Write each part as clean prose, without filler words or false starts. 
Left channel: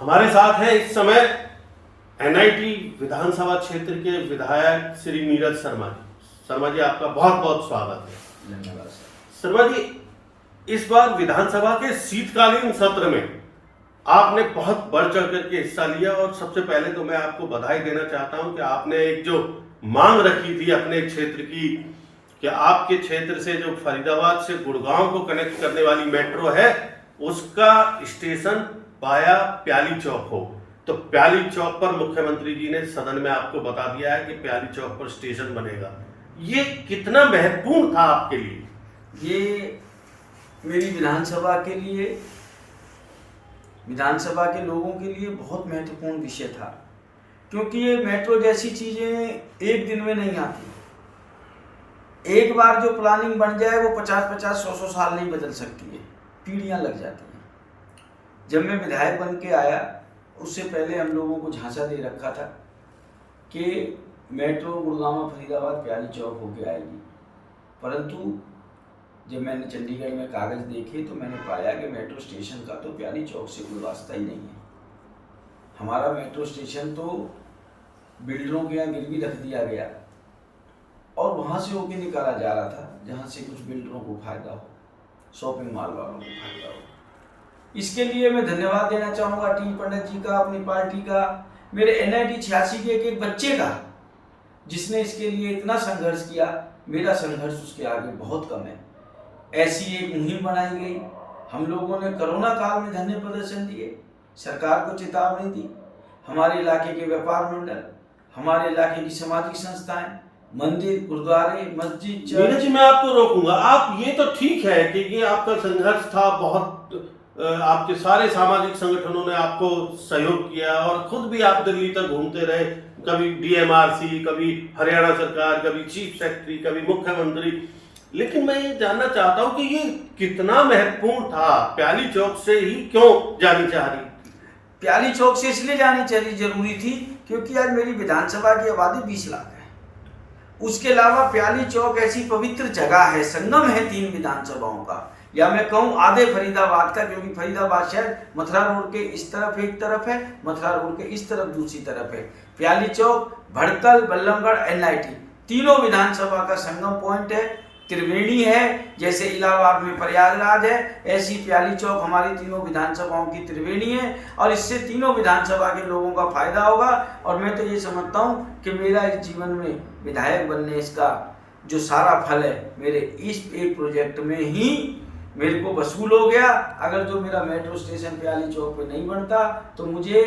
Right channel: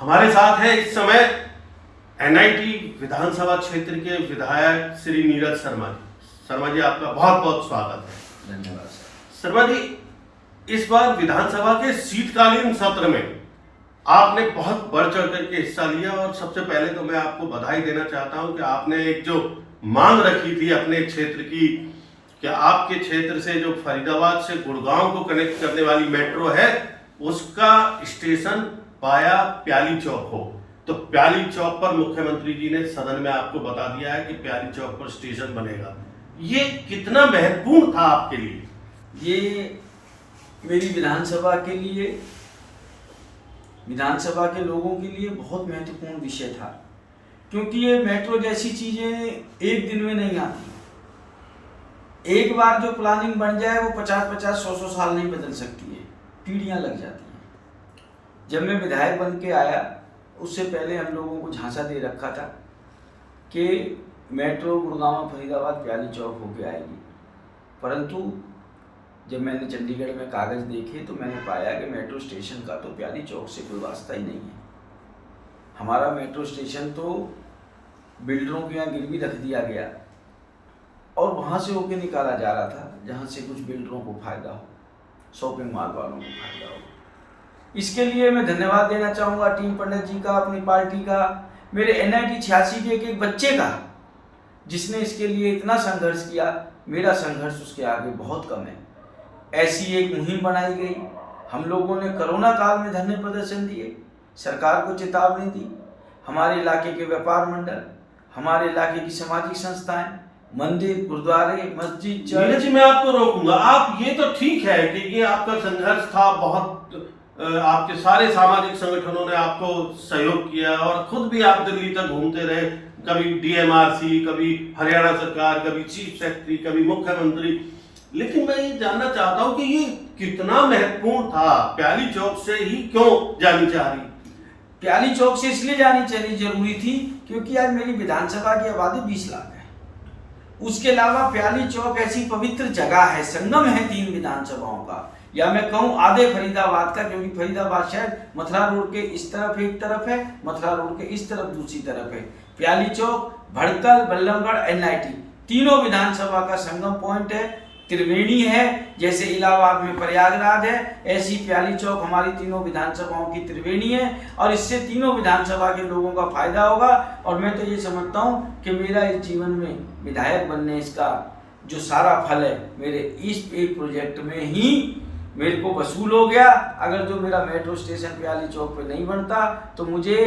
हमारे साथ है इस समय एनआईटी विधानसभा क्षेत्र के विधायक श्री नीरज शर्मा जी। शर्मा जी, आपका बहुत बहुत स्वागत है। धन्यवाद सर। शर्मा जी, इस बार विधानसभा के शीतकालीन सत्र में आपने बहुत बढ़ चढ़ करके हिस्सा लिया और सबसे पहले तो मैं आपको बधाई देना चाहता हूं कि आपने एक जो मांग रखी थी अपने क्षेत्र की कि आपके क्षेत्र से जो फरीदाबाद से गुड़गांव को कनेक्ट करने वाली मेट्रो है उसका स्टेशन पाया प्याली चौक हो, तो प्याली चौक पर मुख्यमंत्री जी ने सदन में आपको बता दिया है कि प्याली चौक पर स्टेशन बनेगा। ये कितना महत्वपूर्ण था आपके लिए? ये मेरी विधानसभा के लोगों के लिए बहुत महत्वपूर्ण विषय था, क्योंकि ये मेट्रो जैसी चीज़ें एक दिन में नहीं आती। एक बार जो प्लानिंग बन जाए वो 50-50, 100-100 साल नहीं बदल सकती है, पीढ़ियाँ लग जाती हैं। जब मैं विधायक बन के आया उससे पहले हम लोगों को झांसा दे रखा था कि मेट्रो गुड़गांव फरीदाबाद प्याली चौक होके आएगी, परंतु जब मैंने चंडीगढ़ में कागज़ देखे तो मैंने पाया कि मेट्रो स्टेशन का तो प्याली चौक से कोई वास्ता ही नहीं है। हमारा मेट्रो स्टेशन तो बिल्डरों के यहाँ गिरवी रख दिया गया और वहाँ से होके निकाला जा रहा था जहाँ से कुछ बिल्डरों को फ़ायदा हो, शॉपिंग मॉल वालों को फ़ायदा हो। इसके लिए मैं धन्यवाद देना चाहूँगा टीम पंडित जी का, अपनी पार्टी का, मेरे एनआईटी 86 के एक बच्चे का, जिसने इसके लिए इतना संघर्ष किया। मेरा संघर्ष उसके आगे बहुत कम है। ऐसी एक मुहिम बनाई गई। हम लोगों ने कोरोना काल में धरने प्रदर्शन दिए, सरकार को चेतावनी दी। हमारे इलाके के व्यापार मंडल, हमारे इलाके की सामाजिक संस्थाएं, मंदिर, गुरुद्वारे, मस्जिद, चर्च। जी, मैं आपको रोकूंगा। आप ये तो ठीक है कि ये आपका संघर्ष था, बहुत आपके सारे सामाजिक संगठनों ने आपको सहयोग किया और खुद भी आप दिल्ली तक घूमते रहे, कभी डीएमआरसी, कभी हरियाणा सरकार, कभी चीफ सेक्रेटरी, कभी मुख्यमंत्री। लेकिन मैं ये जानना चाहता हूँ कि ये कितना महत्वपूर्ण था? प्याली चौक से ही क्यों जानी चाह रही? प्याली चौक से इसलिए जानी चाहिए जरूरी थी क्योंकि आज मेरी विधानसभा की आबादी 20 लाख है। उसके अलावा प्याली चौक ऐसी पवित्र जगह है, संगम है 3 विधानसभाओं का, या मैं कहूँ आधे फरीदाबाद का, क्योंकि फरीदाबाद शहर मथुरा रोड के इस तरफ एक तरफ है, मथुरा रोड के इस तरफ दूसरी तरफ है। प्याली चौक, भड़कल, बल्लभगढ़, एनआईटी तीनों विधानसभा का संगम पॉइंट है, त्रिवेणी है। जैसे इलाहाबाद में प्रयागराज है, ऐसी प्याली चौक हमारी तीनों विधानसभाओं की त्रिवेणी है और इससे तीनों विधानसभा के लोगों का फायदा होगा। और मैं तो ये समझता हूँ कि मेरा इस जीवन में विधायक बनने इसका जो सारा फल है मेरे इस एक प्रोजेक्ट में ही मेरे को वसूल हो गया। अगर जो मेरा मेट्रो स्टेशन प्याली चौक पे नहीं बनता तो मुझे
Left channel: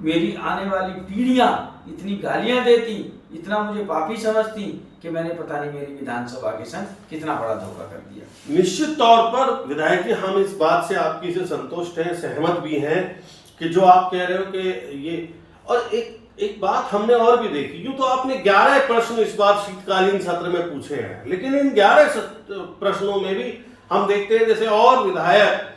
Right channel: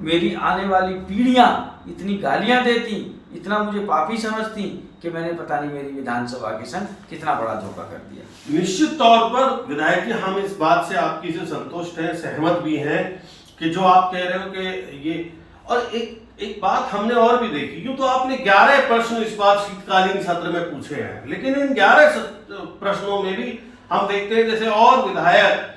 मेरी आने वाली पीढ़ियाँ इतनी गालियाँ देती, इतना मुझे पापी समझती कि मैंने पता नहीं मेरी विधानसभा के संग कितना बड़ा धोखा कर दिया। निश्चित तौर पर विधायक जी, हम इस बात से आपकी से संतुष्ट हैं, सहमत भी हैं कि जो आप कह रहे हो कि ये। और एक बात हमने और भी देखी, यूं तो आपने 11 प्रश्न इस बार शीतकालीन सत्र में पूछे हैं, लेकिन इन 11 प्रश्नों में भी हम देखते हैं जैसे और विधायक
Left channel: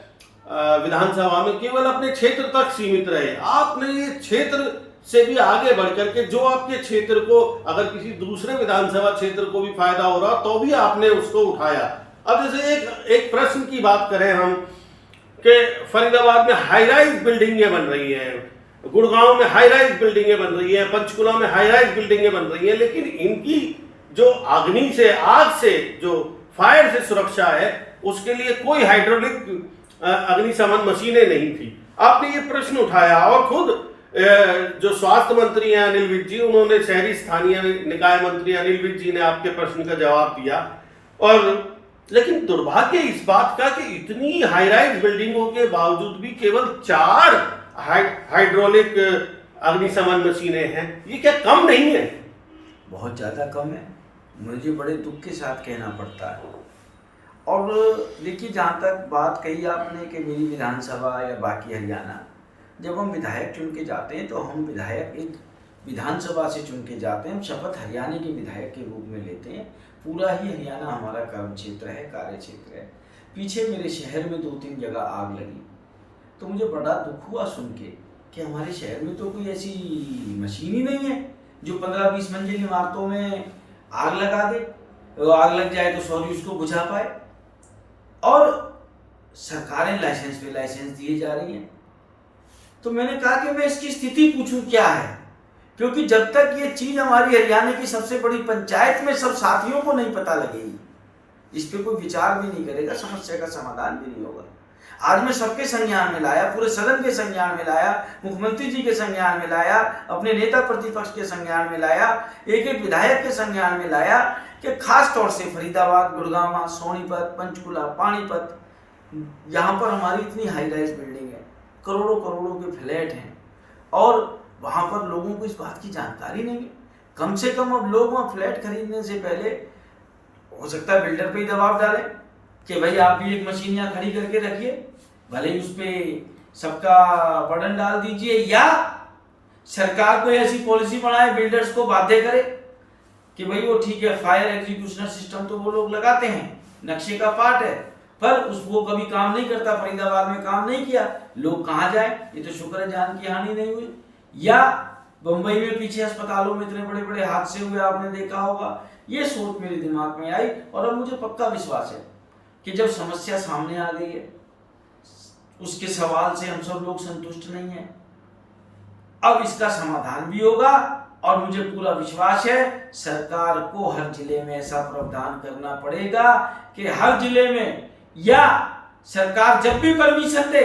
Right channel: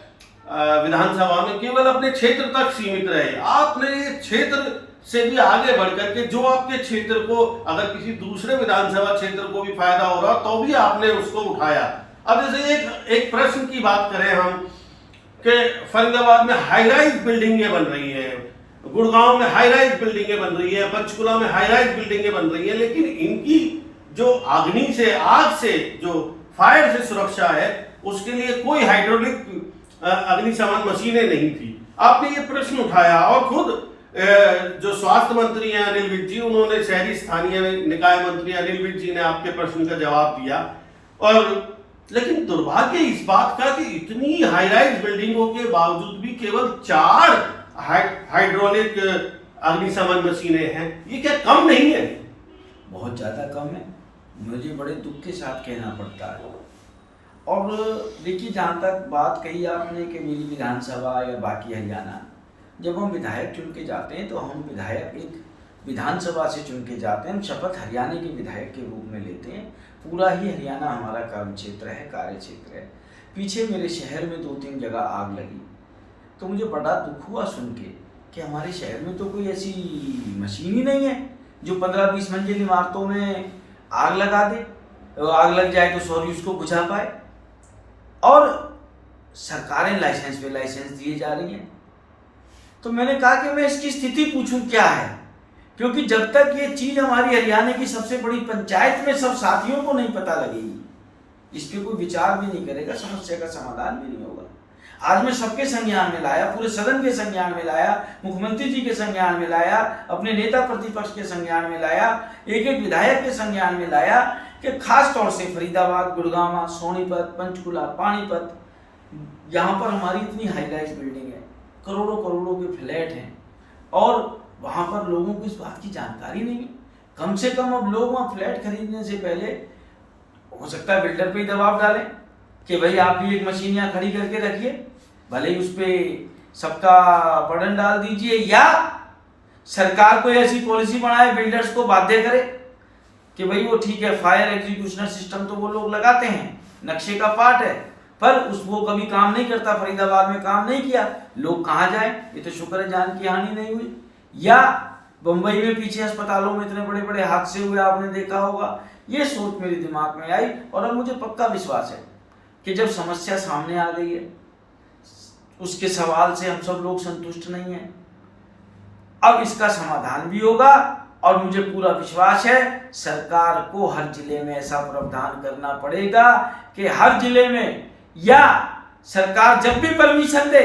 विधानसभा में केवल अपने क्षेत्र तक सीमित रहे। आपने ये क्षेत्र से भी आगे बढ़कर के जो आपके क्षेत्र को, अगर किसी दूसरे विधानसभा क्षेत्र को भी फायदा हो रहा तो भी आपने उसको उठाया। अब जैसे एक प्रश्न की बात करें हम कि फरीदाबाद में हाई राइज बिल्डिंगें बन रही है, गुड़गांव में हाई राइज बिल्डिंगें बन रही है, पंचकुला में हाई राइज बिल्डिंगें बन रही है, लेकिन इनकी जो अग्नि से, आग से, जो फायर से सुरक्षा है उसके लिए कोई हाइड्रोलिक अग्निशमन मशीनें नहीं थी। आपने ये प्रश्न उठाया और खुद जो स्वास्थ्य मंत्री हैं अनिल विज जी, उन्होंने शहरी स्थानीय निकाय मंत्री अनिल विज जी ने आपके प्रश्न का जवाब दिया। और लेकिन दुर्भाग्य इस बात का कि इतनी हाई राइज बिल्डिंगों के बावजूद भी केवल 4 हाइड्रोलिक अग्निशमन मशीनें हैं। ये क्या कम नहीं है? बहुत ज़्यादा कम है, मुझे बड़े दुख के साथ कहना पड़ता है। और देखिए, जहाँ तक बात कही आपने कि मेरी विधानसभा या बाकी हरियाणा, जब हम विधायक चुन के जाते हैं तो हम विधायक एक विधानसभा से चुन के जाते हैं, हम शपथ हरियाणा के विधायक के रूप में लेते हैं। पूरा ही हरियाणा हमारा कर्म क्षेत्र है, कार्य क्षेत्र है। पीछे मेरे शहर में 2-3 जगह आग लगी तो मुझे बड़ा दुख हुआ सुन के कि हमारे शहर में तो कोई ऐसी मशीन ही नहीं है जो 15-20 मंजिल इमारतों में आग लगा दे, आग लग जाए तो सॉरी उसको बुझा पाए। और सरकारें लाइसेंस पे लाइसेंस दिए जा रही हैं। तो मैंने कहा कि मैं इसकी स्थिति पूछूं क्या है, क्योंकि जब तक ये चीज़ हमारी हरियाणा की सबसे बड़ी पंचायत में सब साथियों को नहीं पता लगेगी, इस पर कोई विचार भी नहीं करेगा, समस्या का समाधान भी नहीं होगा। आज मैं सबके संज्ञान में लाया, पूरे सदन के संज्ञान में लाया, मुख्यमंत्री जी के संज्ञान में लाया, अपने नेता प्रतिपक्ष के संज्ञान में लाया, एक एक विधायक के संज्ञान में लाया कि खास तौर से फरीदाबाद, गुड़गांव, सोनीपत, पंचकुला, पानीपत, यहाँ पर हमारी इतनी हाई राइज बिल्डिंग है, करोड़ों करोड़ों के फ्लैट हैं और वहाँ पर लोगों को इस बात की जानकारी नहीं है। कम से कम अब लोग वहाँ फ्लैट खरीदने से पहले हो सकता है बिल्डर पे ही दबाव डालें कि भाई आप भी एक मशीन यहाँ खड़ी करके रखिए, भले ही उस पर सबका बर्डन डाल दीजिए, या सरकार कोई ऐसी पॉलिसी बनाए बिल्डर्स को बाध्य करे कि भाई वो ठीक है, फायर एग्जीक्यूशन सिस्टम तो वो लोग लगाते हैं, नक्शे का पार्ट है, पर वो कभी काम नहीं करता। फरीदाबाद में काम नहीं किया, लोग कहाँ जाए? ये तो शुक्र है जान की हानि नहीं हुई। या बम्बई में पीछे अस्पतालों में इतने बड़े बड़े हादसे हुए, आपने देखा होगा। ये सोच मेरे दिमाग में आई और अब मुझे पक्का विश्वास है कि जब समस्या सामने आ गई है, उसके सवाल से हम सब लोग संतुष्ट नहीं हैं, अब इसका समाधान भी होगा। और मुझे पूरा विश्वास है सरकार को हर जिले में ऐसा प्रावधान करना पड़ेगा कि हर जिले में, या सरकार जब भी परमिशन दे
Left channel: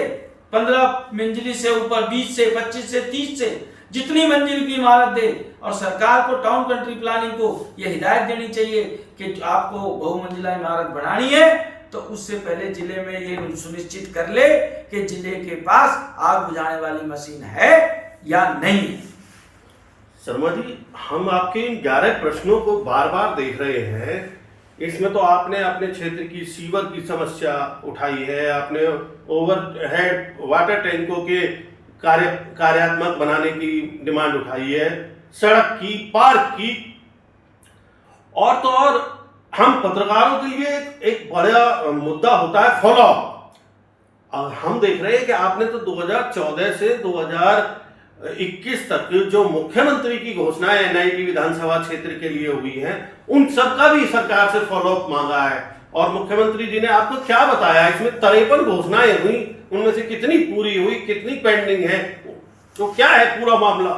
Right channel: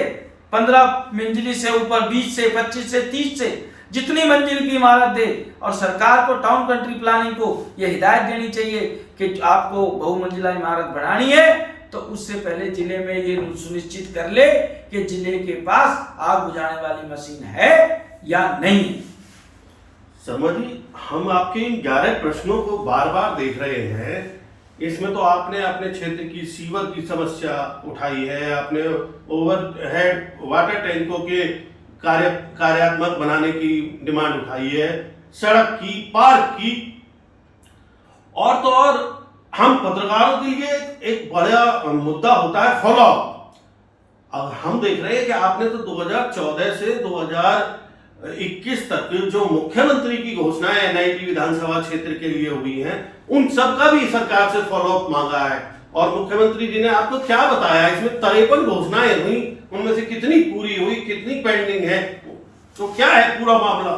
15 मंजिली से ऊपर, 20 से 25 से 30 से जितनी मंजिल की इमारत दे, और सरकार को टाउन कंट्री प्लानिंग को यह हिदायत देनी चाहिए कि आपको बहुमंजिला इमारत बनानी है तो उससे पहले जिले में ये सुनिश्चित कर ले कि जिले के पास आग बुझाने वाली मशीन है या नहीं है। शर्मा जी, हम आपके इन 11 प्रश्नों को बार बार देख रहे हैं। इसमें तो आपने अपने क्षेत्र की सीवर की समस्या उठाई है, आपने ओवरहेड वाटर टैंकों के कार्यात्मक बनाने की डिमांड उठाई है, सड़क की, पार्क की, और तो और हम पत्रकारों के लिए एक बड़ा मुद्दा होता है फॉलोअप। अब हम देख रहे हैं कि आपने तो 2014 से 2021 तक जो मुख्यमंत्री की घोषणाएं एनआईटी विधानसभा क्षेत्र के लिए हुई हैं, उन सब का भी सरकार से फॉलोअप मांगा है। और मुख्यमंत्री जी ने आपको क्या बताया? इसमें 53 घोषणाएं हुई, उनमें से कितनी पूरी हुई, कितनी पेंडिंग है, तो क्या है पूरा मामला?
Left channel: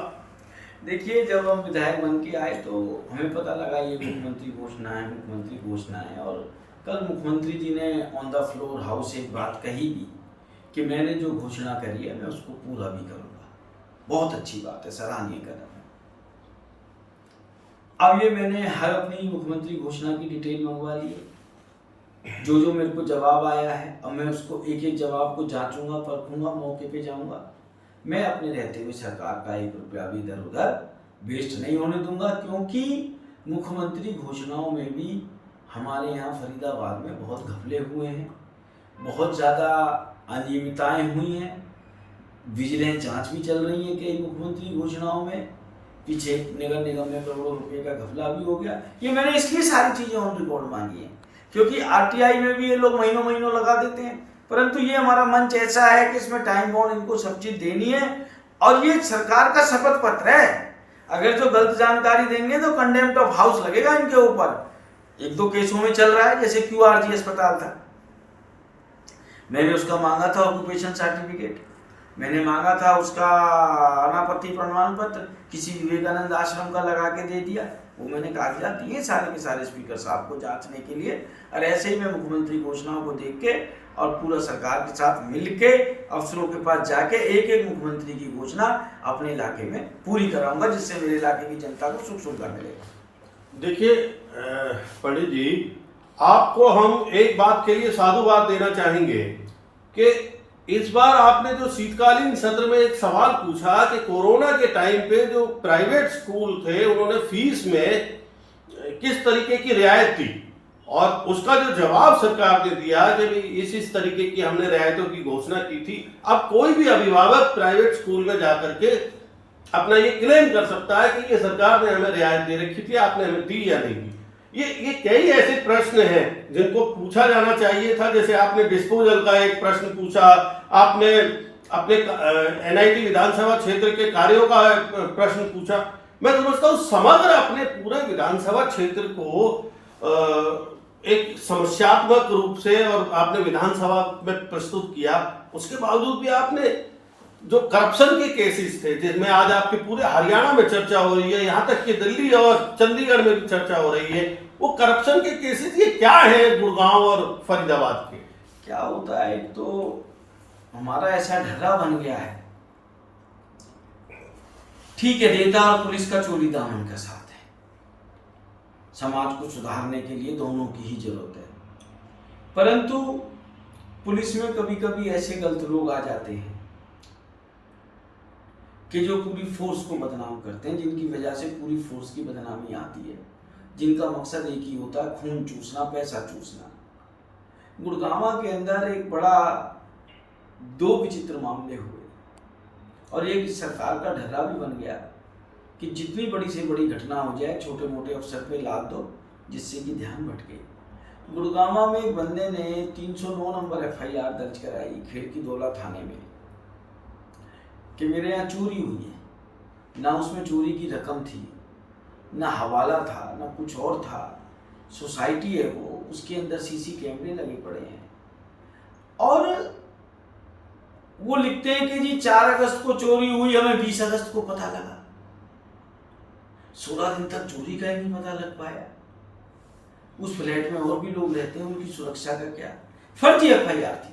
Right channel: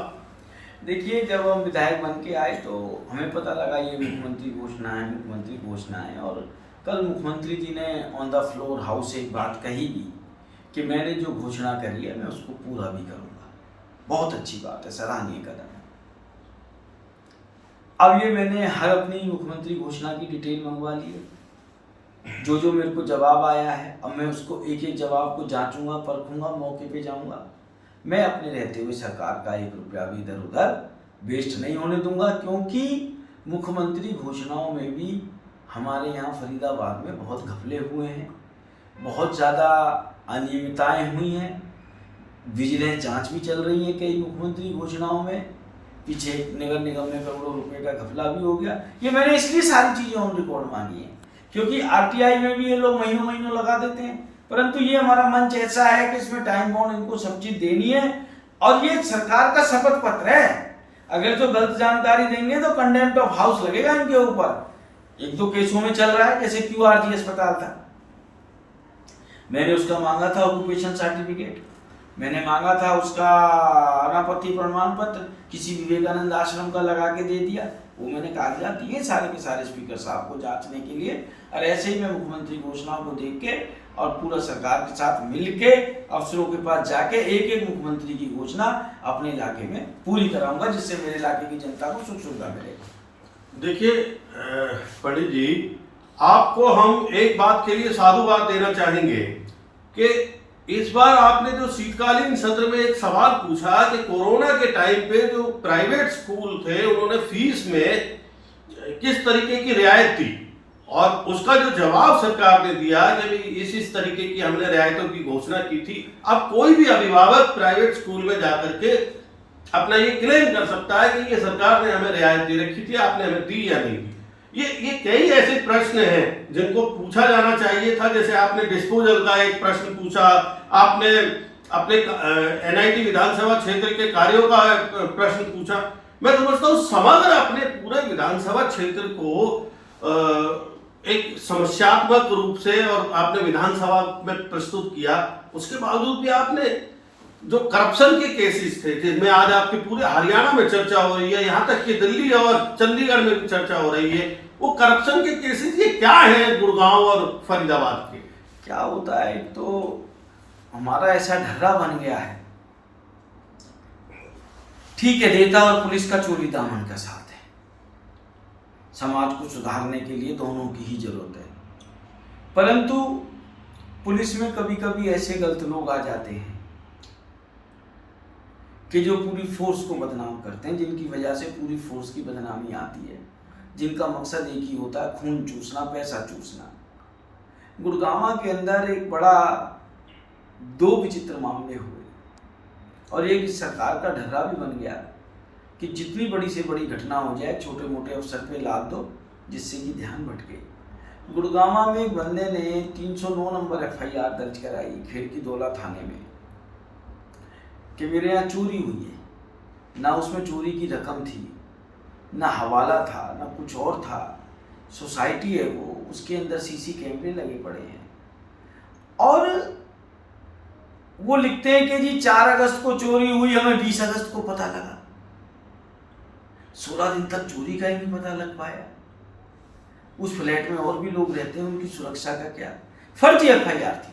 देखिए, जब हम विधायक बन के आए तो हमें पता लगा ये मुख्यमंत्री घोषणा है, और कल मुख्यमंत्री जी ने ऑन द फ्लोर हाउस एक बात कही भी कि मैंने जो घोषणा करी है मैं उसको पूरा भी करूँगा। बहुत अच्छी बात है, सराहनीय कदम है। अब ये मैंने हर अपनी मुख्यमंत्री घोषणा की डिटेल मंगवा ली है, जो मेरे को जवाब आया है, अब मैं उसको एक एक जवाब को जांचूंगा, परखूंगा, मौके पे जाऊंगा। मैं अपने रहते हुए सरकार का 1 रुपया भी इधर उधर वेस्ट नहीं होने दूंगा, क्योंकि मुख्यमंत्री घोषणाओं में भी हमारे यहाँ फरीदाबाद में बहुत घपले हुए हैं, बहुत ज़्यादा अनियमितताएँ हुई हैं, विजिलेंस जांच भी चल रही है कई मुख्यमंत्री घोषणाओं में। पीछे नगर निगम में करोड़ों रुपए का घपला भी हो गया। ये मैंने इसलिए सारी चीज़ें ऑन रिकॉर्ड मांगी हैं क्योंकि आरटीआई में भी ये लोग महीनों महीनों लगा देते हैं, परंतु ये हमारा मंच ऐसा है कि इसमें टाइम बाउंड इनको सब चीज़ देनी है, और ये सरकार का शपथ पत्र है। अगर जो गलत जानकारी देंगे तो कंडेम्प्ट ऑफ हाउस लगेगा इनके ऊपर। 1-2 केसों में चल रहा है, जैसे QRG अस्पताल था, मैंने उसका मांगा था ऑक्यूपेशन सर्टिफिकेट, मैंने मांगा था उसका अनापत्ति प्रमाण पत्र, किसी विवेकानंद आश्रम का लगा के दे दिया। वो मैंने कागजात दिए सारे के सारे स्पीकर साहब को जांचने के लिए। और ऐसे ही मैं मुख्यमंत्री घोषणाओं को देख के और पूरा सरकार के साथ मिल के अफसरों के पास जाके एक एक मुख्यमंत्री की घोषणा अपने इलाके में पूरी कराऊंगा, जिससे मेरे इलाके की जनता को सुख सुविधा मिलेगा। देखिए पंडित जी, आपको हम एक बात के लिए साधुवाद देना चाहेंगे कि इस बार आपने जो शीतकालीन सत्र में एक सवाल पूछा कि कोरोना के टाइम पे जो प्राइवेट स्कूल थे उन्होंने फीस में किस तरीके की रियायत थी, और उसका जो जवाब सरकार ने दिया कि इस तरीके की हमने रियायतों की घोषणा की थी। अब कोई भी अभिभावक प्राइवेट स्कूल में जाकर के अपना ये क्लेम कर सकता है कि ये सरकार ने हमें रियायत दे रखी थी, आपने हमें दी या नहीं दी। ये कई ऐसे प्रश्न हैं जिनको पूछा जाना चाहिए था। जैसे आपने डिस्पोजल का एक प्रश्न पूछा, आपने अपने एनआईटी विधानसभा क्षेत्र के कार्यों का प्रश्न पूछा। मैं समझता हूँ समग्र अपने पूरे विधानसभा क्षेत्र को एक समस्यात्मक रूप से और आपने विधानसभा में प्रस्तुत किया, उसके बावजूद भी आपने जो करप्शन के केसेस थे जिसमें आज आपके पूरे हरियाणा में चर्चा हो रही है, यहाँ तक कि दिल्ली और चंडीगढ़ में भी चर्चा हो रही है, वो करप्शन के केसेस ये क्या है गुड़गांव और फरीदाबाद के? क्या होता है, एक तो हमारा ऐसा ढर्रा बन गया है, ठीक है नेता और पुलिस का चोली दामन का साथ है, समाज को सुधारने के लिए दोनों की ही जरूरत है, परंतु पुलिस में कभी कभी ऐसे गलत लोग आ जाते हैं कि जो पूरी फोर्स को बदनाम करते हैं, जिनकी वजह से पूरी फोर्स की बदनामी आती है, जिनका मकसद एक ही होता है, खून चूसना, पैसा चूसना। गुड़गांव के अंदर एक बड़ा 2 विचित्र मामले हुए और एक इस सरकार का ढर्रा भी बन गया कि जितनी बड़ी से बड़ी घटना हो जाए छोटे मोटे अफसर पे लाद दो जिससे कि ध्यान भटके। गुड़गांव में एक बंदे ने 309 नंबर FIR दर्ज कराई खेड़की दौला थाने में कि मेरे यहाँ चोरी हुई है, ना उसमें चोरी की रकम थी, ना हवाला था, ना कुछ और था, सोसाइटी है वो, उसके अंदर CC कैमरे लगे पड़े हैं और वो लिखते हैं कि जी 4 अगस्त को चोरी हुई, हमें 20 अगस्त को पता लगा। 16 दिन तक चोरी का ही नहीं पता लग पाया। उस फ्लैट में और भी लोग रहते हैं, उनकी सुरक्षा का क्या? फर्जी FIR थी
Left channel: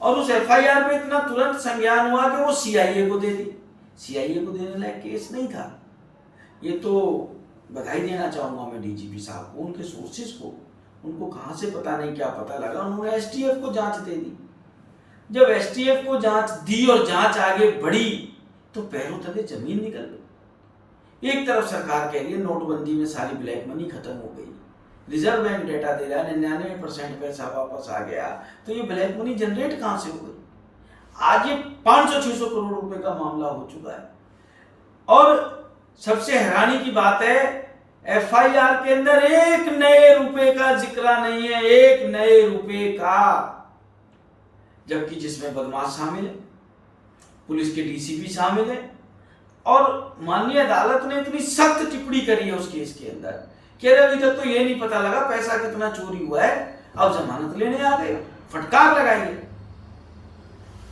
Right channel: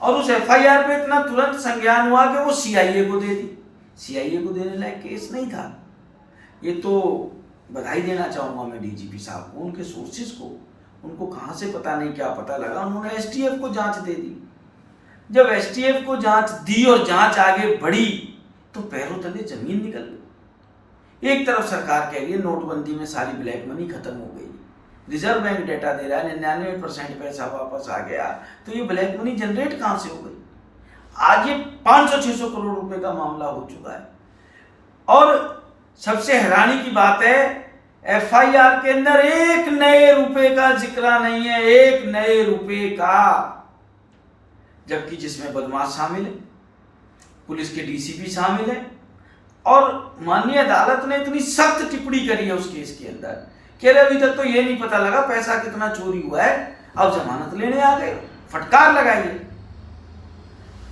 और उस FIR पे इतना तुरंत संज्ञान हुआ कि वो CIA को दे दी। CIA को देने लायक केस नहीं था। ये तो बधाई देना चाहूँगा मैं DGP साहब को, उनके सोर्सेज को, उनको कहाँ से पता नहीं क्या पता लगा, उन्होंने STF को जांच दे दी। जब STF को जांच दी और जांच आगे बढ़ी तो पैरों तले जमीन निकल गई। एक तरफ सरकार कह रही है नोटबंदी में सारी ब्लैक मनी खत्म हो गई, रिजर्व बैंक डेटा दे रहा है 99% पैसा वापस आ गया, तो ये ब्लैक मनी जनरेट कहाँ से हो गई? आज ये 500-600 करोड़ रुपए का मामला हो चुका है। और सबसे हैरानी की बात है FIR के अंदर 1 नए रुपए का जिक्र नहीं है, 1 नए रुपए का, जबकि जिसमें बदमाश शामिल है, पुलिस के DCP शामिल है और माननीय अदालत ने इतनी सख्त टिप्पणी करी है उस केस के अंदर कि अरे अभी तक तो ये नहीं पता लगा पैसा कितना चोरी हुआ है, अब जमानत लेने आ गए, फटकार लगाई है।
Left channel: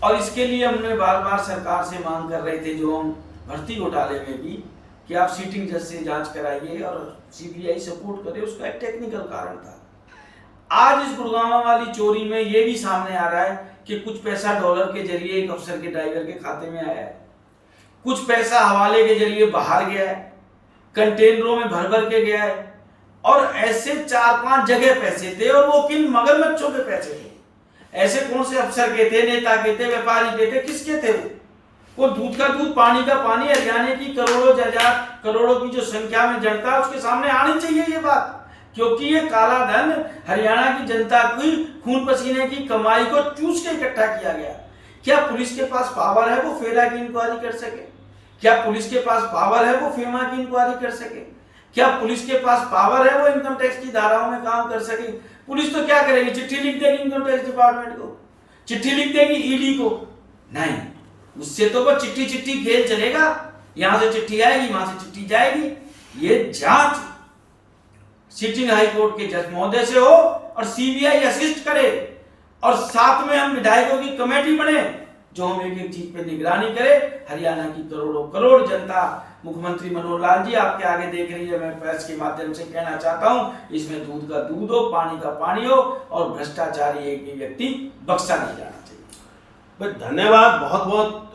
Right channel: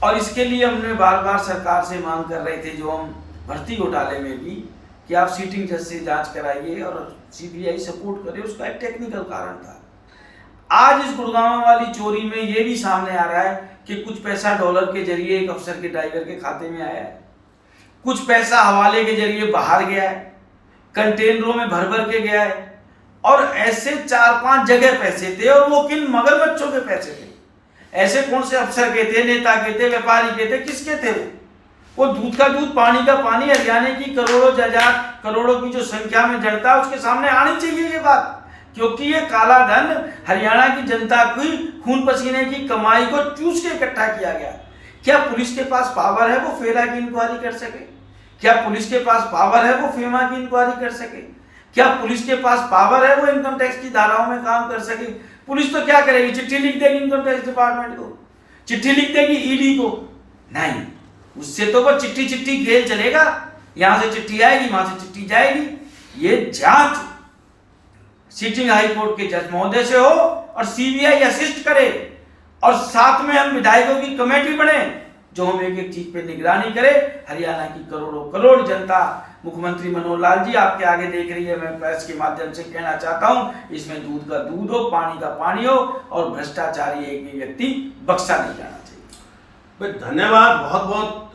और इसके लिए हमने बार बार सरकार से मांग कर रहे थे, जो हम भर्ती घोटाले में भी, कि आप सीटिंग जज से जांच कराइए और CBI सपोर्ट करे, उसका एक टेक्निकल कारण था। आज इस गुड़गांव वाली चोरी में ये भी सामने आ रहा है कि कुछ पैसा डॉलर के जरिए एक अफसर के ड्राइवर के खाते में आया है, कुछ पैसा हवाले के जरिए बाहर गया है, कंटेनरों में भर भर के गया है, और ऐसे 4-5 जगह पैसे थे और वो किन मगरमच्छों के पैसे थे। ऐसे कौन से अफसर के थे, नेता के थे, व्यापारी के थे, किसके थे वो दूध का दूध पानी का पानी, हरियाणा की करोड़ों की जो संख्या में जनता है उसके सामने आनी चाहिए ये बात, क्योंकि ये काला धन हरियाणा की जनता की खून पसीने की कमाई को चूस के इकट्ठा किया गया। क्या पुलिस के पास पावर है वो फेरा की इंक्वायरी कर सके? क्या पुलिस के पास पावर है वो फेमा की इंक्वायरी कर सके? क्या पुलिस के पास पावर है वो इनकम टैक्स की धाराओं में काम कर सके? पुलिस तो क्या करेगी, चिट्ठी लिख देगी इनकम टैक्स डिपार्टमेंट को, चिट्ठी लिख देगी ED को? नहीं, उससे तो वो चिट्ठी खेल चलेगा, यहां से चिट्ठी आएगी, वहां से चिट्ठी जाएगी। ये जांच सिटिंग हाई कोर्ट के जज महोदय से हो और CBI असिस्ट करे और साथ में हम विधायकों की कमेटी बने जो हम एक एक चीज पे निगरानी करे। हरियाणा की करोड़ों करोड़ जनता, मुख्यमंत्री मनोहर लाल जी आपके आगे देख रही है, मैं प्रेस के माध्यम से कहना चाहता हूं, इसमें दूध का दूध हो, पानी का पानी हो और भ्रष्टाचारी एक भी व्यक्ति बख्शा नहीं जाना चाहिए। धन्यवाद बहुत बहुत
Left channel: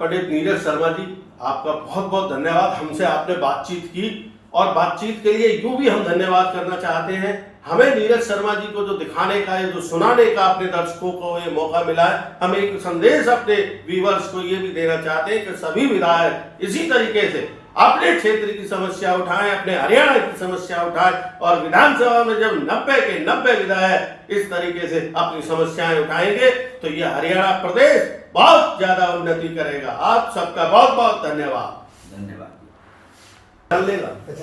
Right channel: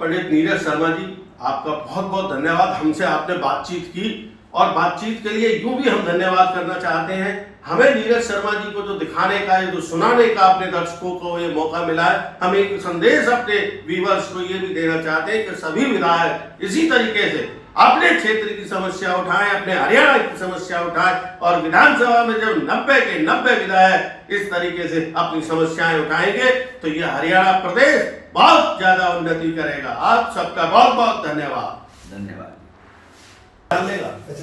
पंडित नीरज शर्मा जी, आपका बहुत बहुत धन्यवाद। हमसे आपने बातचीत की और बातचीत के लिए यूं भी हम धन्यवाद करना चाहते हैं। हमें नीरज शर्मा जी को जो दिखाने का, जो सुनाने का अपने दर्शकों को ये मौका मिला है, हम एक संदेश अपने व्यूअर्स को ये भी देना चाहते हैं कि सभी विधायक इसी तरीके से अपने क्षेत्र की समस्या उठाएं, अपने हरियाणा की समस्या उठाएं और विधानसभा में जब 90 के 90 विधायक इस तरीके से अपनी समस्याएं उठाएंगे तो ये हरियाणा प्रदेश बहुत ज्यादा उन्नति करेगा। आप सबका बहुत बहुत धन्यवाद। धन्यवाद।